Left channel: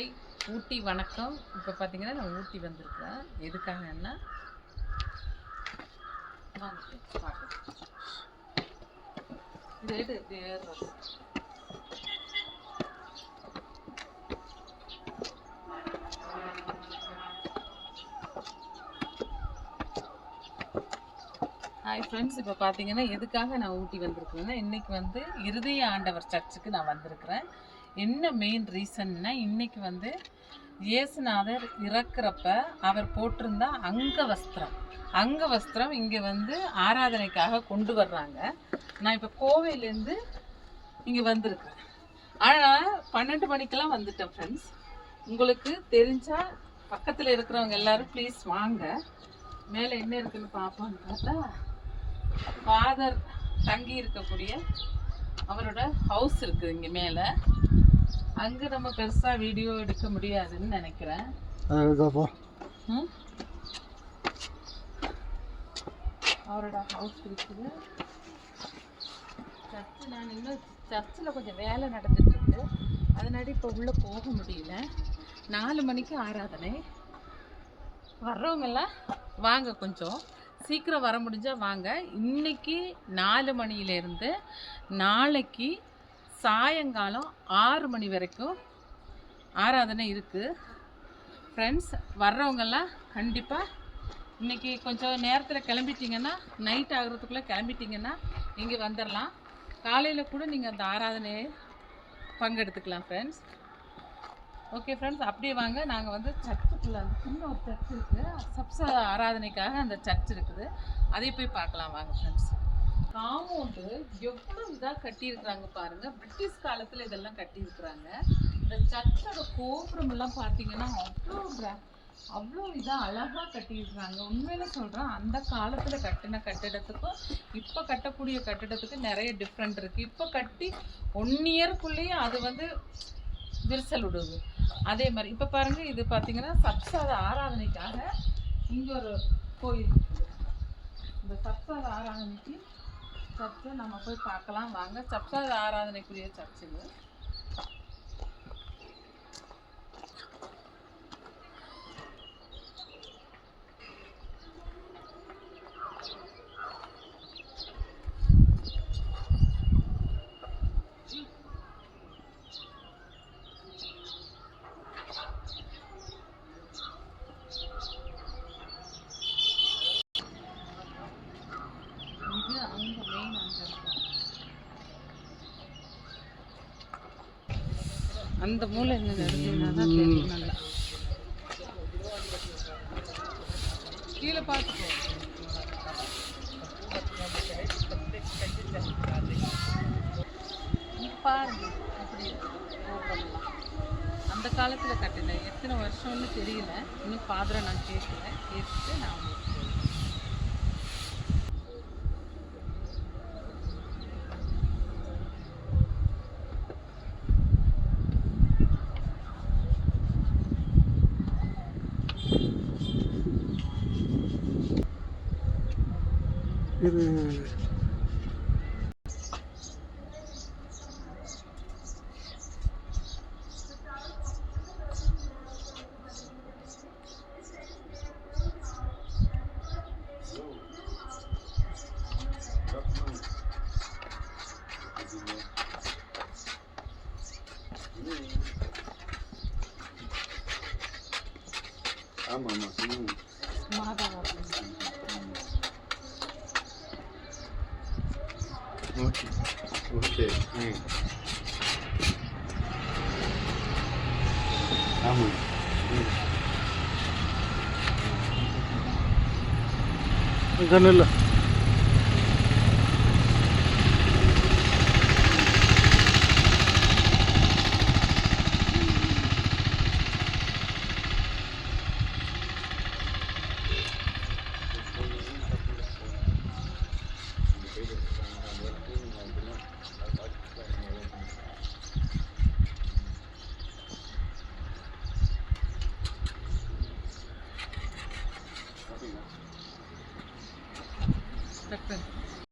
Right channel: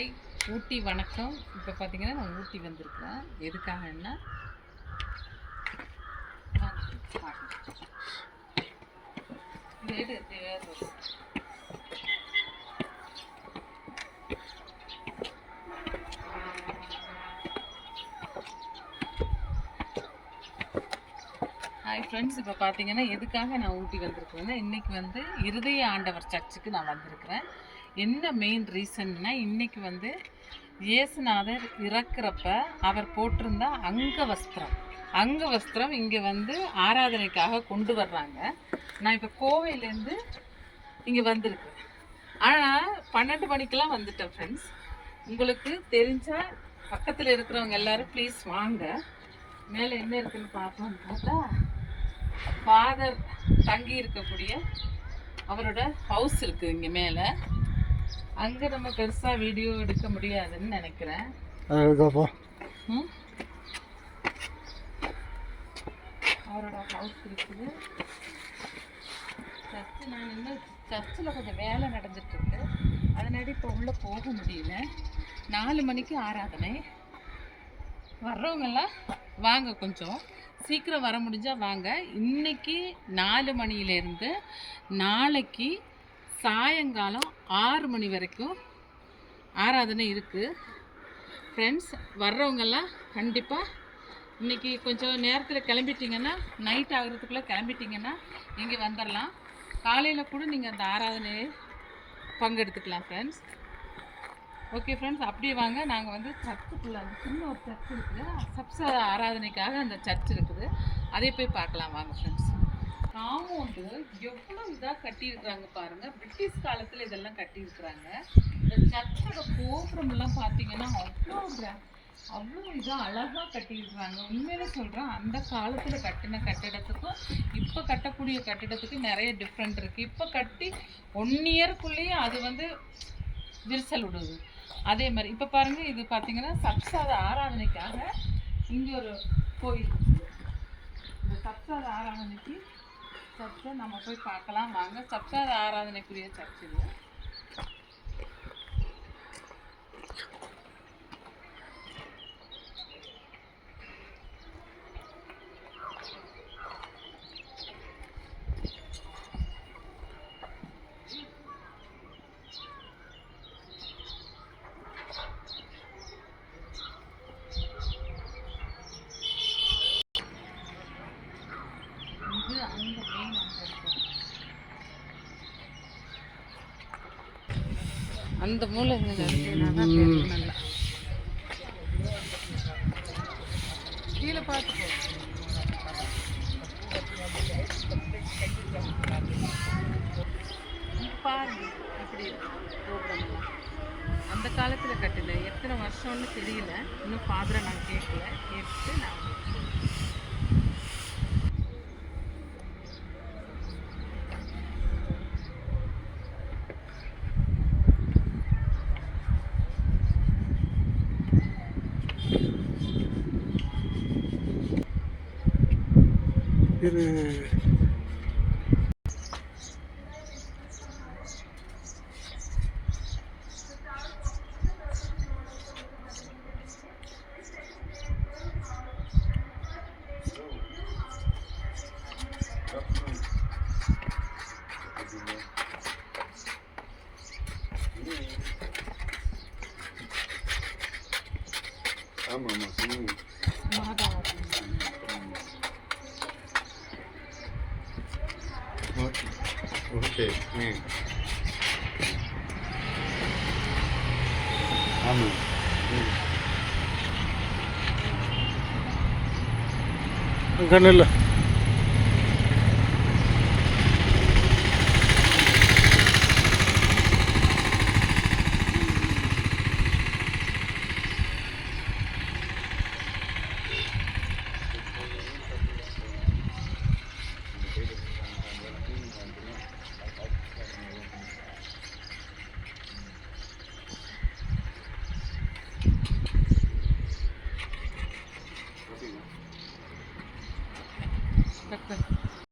Hi ஊட்டி வணக்கம். இப்போ பார்த்தீங்கன்னா நான் ஊட்டி வந்திருக்கிறேன். எதுக்காகன்னா ஹாய் ஃப்ரெண்ட்ஸ், இப்போ பார்த்தீங்கன்னா எதுக்காக நான் ஊட்டி வந்திருக்கேன்னா இன்றைக்கி வந்து இருதய ஆண்டவர் சர்ச்சுக்கு நான் வந்திருக்கிறேன். என்ன மெயின் ரீசன்னா இன்றைக்கி வந்து இயேசுநாதர் இறக்குறப்ப அவர் போட்டிருந்த அங்க வஸ்திரம் இங்கே வந்து ஆராதனைக்காக கொண்டு வர்றாங்க. நான் இப்போ கோவையிலேருந்து இங்கே வந்திருக்கிறேன். ஆனால் 12 மணிக்கெல்லாம் வந்துட்டேன் ஃப்ரெண்ட்ஸ். உங்களுக்கு தெரிஞ்சால் பக்கத்தில் இருக்கிறவங்க எல்லோரும் ப்ளீஸ் வாங்க. மேலே என்ன இருக்குதுன்னு பார்ப்போம்னு பார்த்தா ஃபாதர் தங்கி இருக்கக்கூடிய அவரோட ஹவுஸ் இருக்குது இங்கே மேலே. அங்கே நம்ம பெருசாக வீடியோ எடுக்க முடியாதுன்னு நினைக்கிறேன். அவரோட ஹவுஸ் இருக்குது. சர்ச்சு நான் இன்னும் சர்ச்சில் கொஞ்சம் வேலை நடந்துட்டுருக்கு, அதனால இப்போ உள்ளே போக முடியல. 4 மணிக்கு ஆராதனை. வர்றவங்கெல்லாம் வாங்க, கொஞ்சம் சீக்கிரம் வர முடிஞ்சால் வாங்க. இன்றைக்கி 4 மணியிலேருந்து நாளைக்கு சாயங்காலம் 6 மணி வரைக்கும் ஆராதனை இருக்குது ஃப்ரெண்ட்ஸ். வர்றவங்கெல்லாம் கண்டிப்பாக இன்றைக்கி கொஞ்சம் நேரத்தில் கிளம்பிட்டிங்கன்னா, நைட் ஆகிறதுக்குள்ளே கிளம்பிட்டிங்கன்னா இங்கே வந்துடலாம். காலையில் கூட நீங்கள் அந்த ஆராதனையை பங்கெடுத்துக்கலாம் ஃப்ரெண்ட்ஸ். ஓகே ஃப்ரெண்ட்ஸ், அப்படியே வாங்க. நாங்கள் வந்து சர்ச்சுக்குள்ளே சின்ன ஒரு சர்ச் இருக்குது, சப்ச ஆராதனைக்காக அந்த சர்ச் இருக்குது, அதை போய் பார்க்கலாம் வாங்க ஃப்ரெண்ட்ஸ். காம்பவுண்டு எவ்வளோ இதாக கட்டியிருக்கிறாங்க பாருங்கள். பிரிட்டிஷ் காலத்தில் இதெல்லாம் கட்டியிருக்கிறாங்க. இந்த சர்ச்சோட கோபுரமெல்லாம் பார்த்தீங்கன்னா அவ்வளோ இதாக அழகாக கட்டியிருக்கிறாங்க. உண்மையில சொல்கிறேன், அந்த காலத்தில் கட்டின கட்டிடத்துக்கும் இப்போ கட்டக்கூடிய கட்டிடத்துக்கும் நிறைய டிஃப்ரெண்ட் இருக்குது. இப்போ கட்டி 1 இயருக்குள்ளேயே அது வந்து விரிசல் விடுது. அதே மாதிரி இப்போ பாருங்கள், இது பார்த்தீங்கன்னா சப்சாத ஆராதனைக்காக இங்கே ஒரு கோயில். இந்த சப்சாத ஆராதனைக்கு சர்ச்சை நம்ம போய் பார்க்கலாம் வாங்க. சப்சாத ஆராதனைக்குரிய சர்ச்சுங்க. அங்கே மெயின் அங்கே இருக்கும், அந்த மூளை என்ன தான் தெரியும். நல்லா கீழே பார்த்துக்கோ. பாருங்க எப்படி கோபுரம்லாம் அந்த காலத்தில் கட்டின எத்தனை வருஷம்னு தெரியல. இன்னும் ஃபாதரை நான் கேட்கல, கேட்டுட்டு நான் இது ஆமாம் ஓகே ஆமாம் கண்ணில்